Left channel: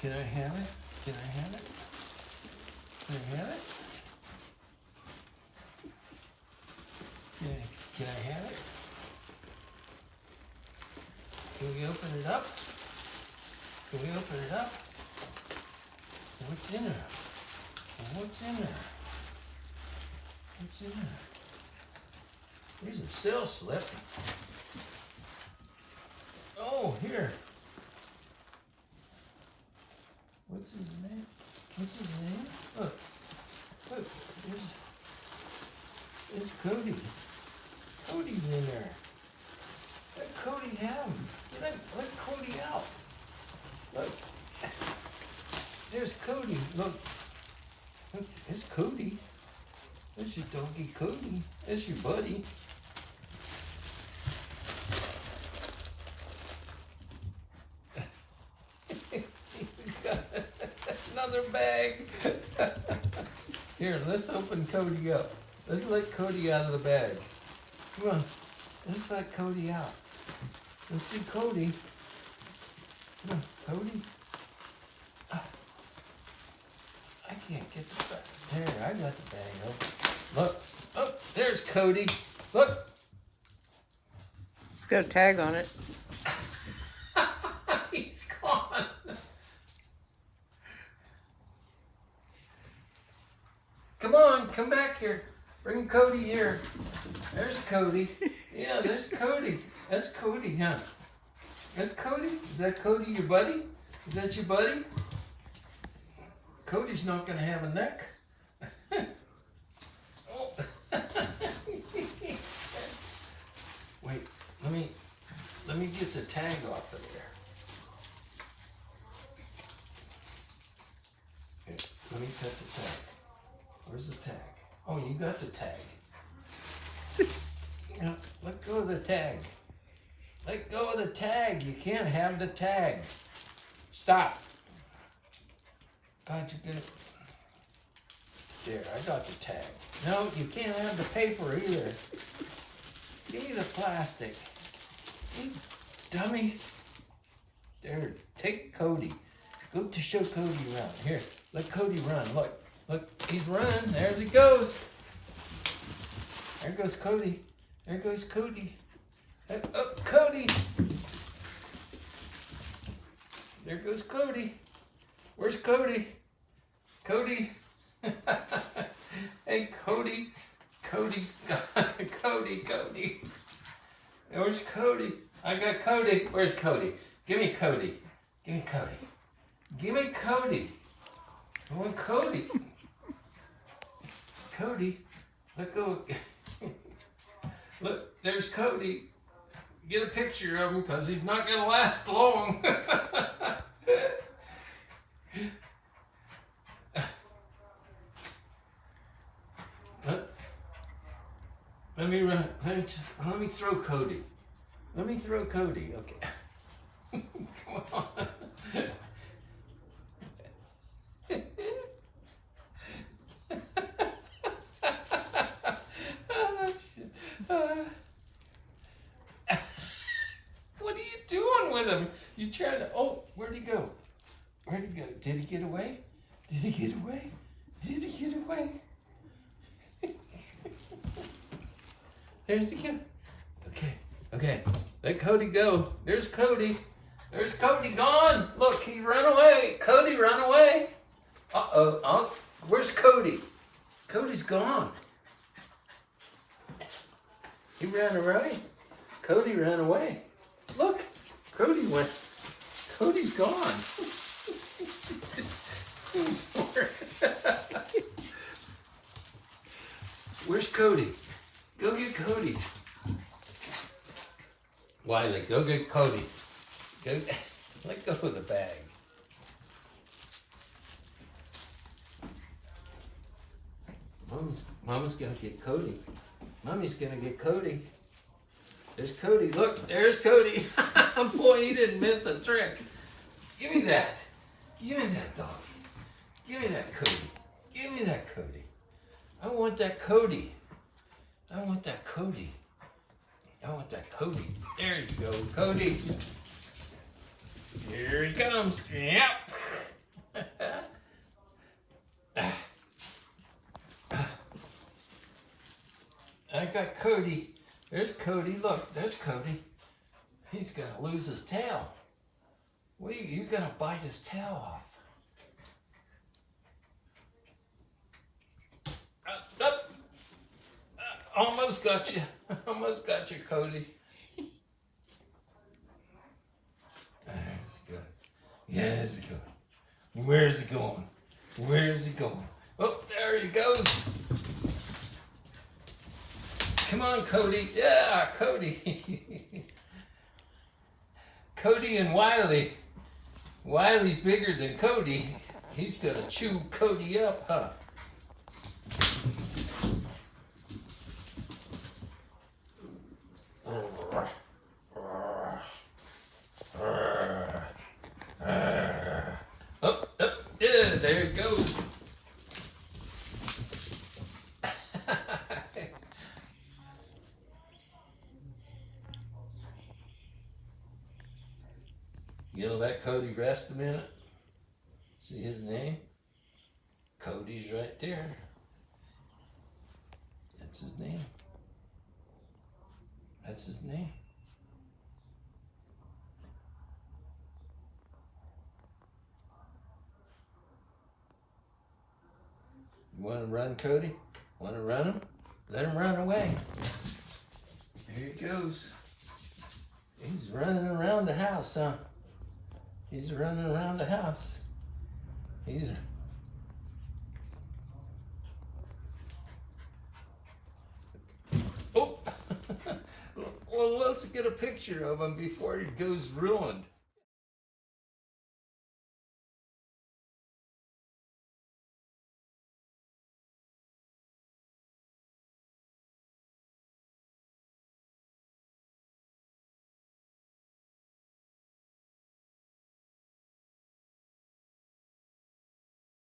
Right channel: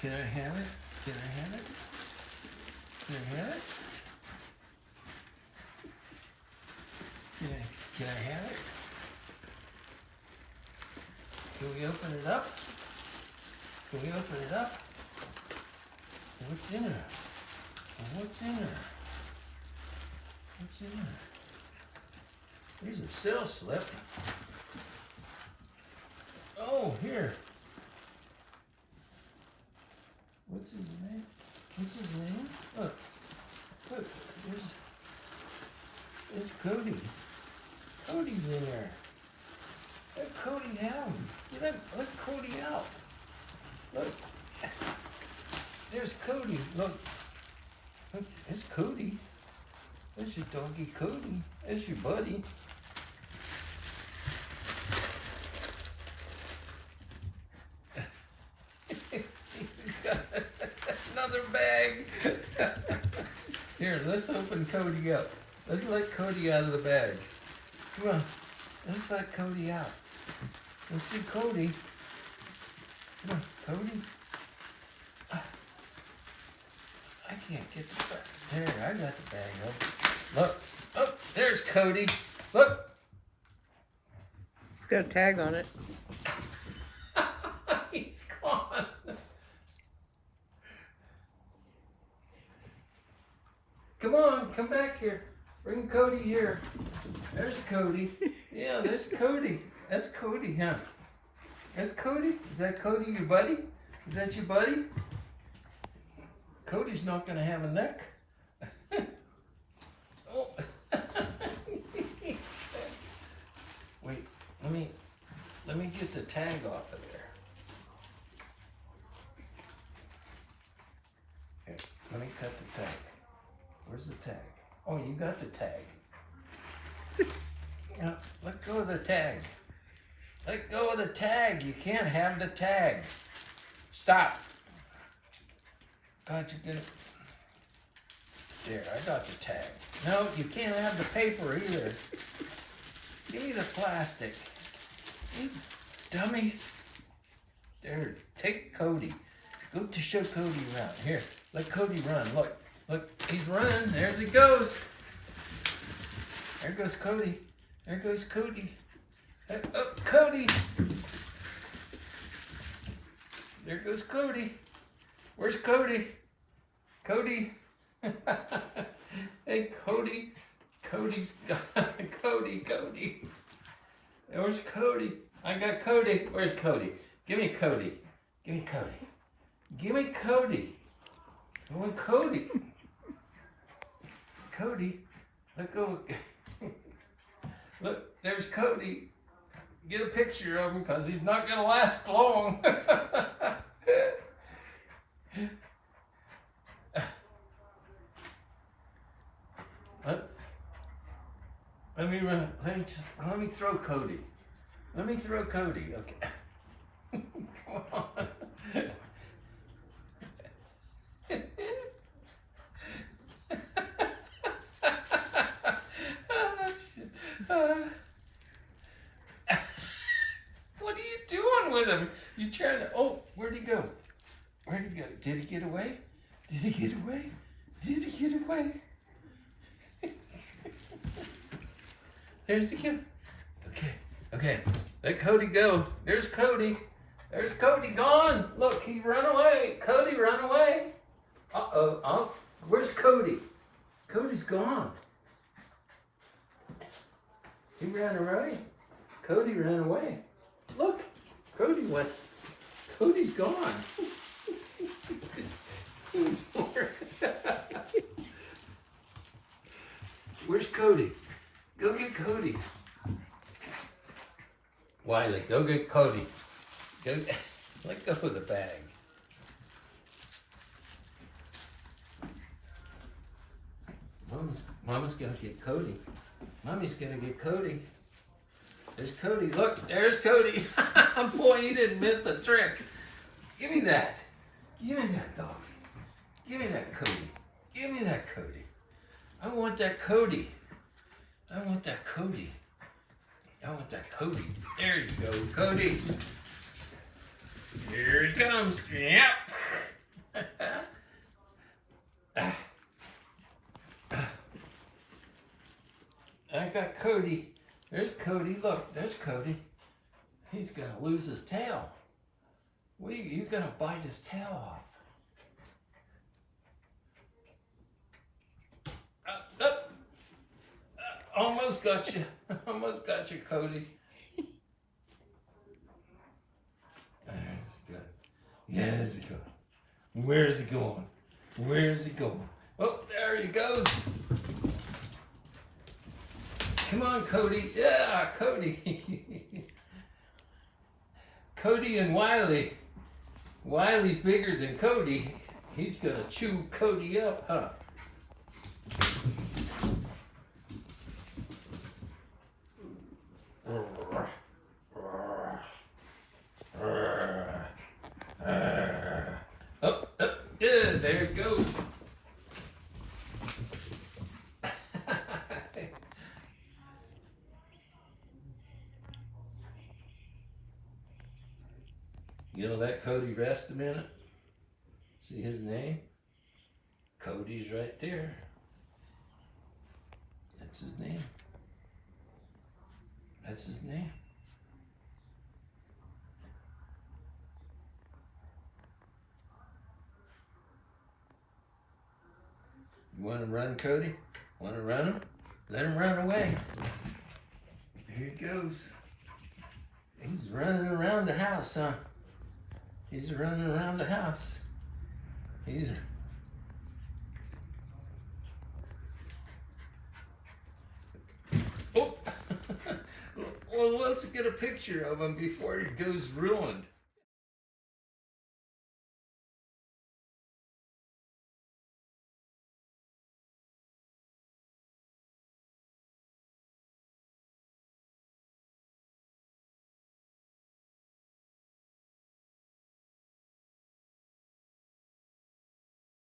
Can I have it? Can I have it? Can I have it? Can I have it? Can we open it up? Can we open it up? What's in there? What's in there? What's in there? There's a sales slip. Oh, here. What's his name? What's his name? Look. Look. There's Cody. Cody's in there. Let Cody have him. Let Cody out. Look. There's Cody. Look. Look, there's Cody. There's your doggy Cody. There's your buddy. Another bag. Here, let's open Cody up. Let's let Cody out of the bag. Come on. Let's let Cody out. Let's see Cody. Come on, Cody. I can't get the bag. There, I got the bag open. Look. Oh, there's Cody. Look. It's got a tag on it. He's gone. Come on, come back here. Bring Cody here. There's Cody. Yeah, there's Cody. That's Cody, huh? That's Cody? Is that Cody, your buddy? Is that your buddy? Cody's not gonna have a neck. Oh. Wait, let me get the tag off of there. Here, let me cut the tag. Where's the tag? Oh, you got the tag. Yeah, let go of the tag. Let go of the tag. You can't have the tag. Stop. God, you're gonna... There, I got the tag. No, you can't have the paper either. Give me the plastic. You dummy. There, take Cody. Go to show Cody around. Here, let Cody run. Look, look, he's running. There he goes. There goes Cody. There goes Cody. Hey, oh, Cody. There goes Cody. Where's Cody? Cody. Hey, Cody. Cody's gone. Cody. Where's Cody? I got Cody. Where's Cody? Give me Cody. Give me Cody. Give me Cody. I want Cody. Cody. Let go. Look, there's Cody. Get a picture of him because he's not going to last long. Let me throw Cody. Let me throw Cody. Okay. Come on. What are you doing with him? You trying to... Oh, where'd he go? Where'd he go? Did he get away? Did he get away? Did he get away? There's the kid. Okay. Let Cody go. There's Cody. There's Cody gone. Look, he ran away. Cody ran away. Uh-oh. Oh, where's Cody? Cody's gone. He ran away. Cody ran away. Look, Cody's gone. Where's Cody? Go get Cody. Wiley, go get Cody. Let go of the bag. Mama's gonna get Cody. Mommy's gonna get Cody. There's Cody. Look, there's Cody. Boy, he didn't miss a trick. Give me that. Give me that dog. Give me that Cody. Give me that Cody. I want that Cody. I want that Cody. I want that Cody. There you go, Cody. Here he comes. Yep. I got Cody. There's Cody. Look, there's Cody. He's gonna lose his tail. You're gonna bite his tail off. Almost got you. Almost got you, Cody. There's he going. There's he going. Where's he going? Where's he going? Oh, there he goes. Come on, Cody. Yeah, Cody. Cody and Wiley. Wiley's bigger than Cody. He's gonna chew Cody up, huh? Up, yeah, there it goes. You gonna let Cody rest a minute? See his name? Cody's right there. That's his name. That's his name. You want to run, Cody? Want to run him? Let him run away. Here he goes. He's running around the house, huh? He's running around the house. Oh! Well, let's get a picture of him before he goes ruined.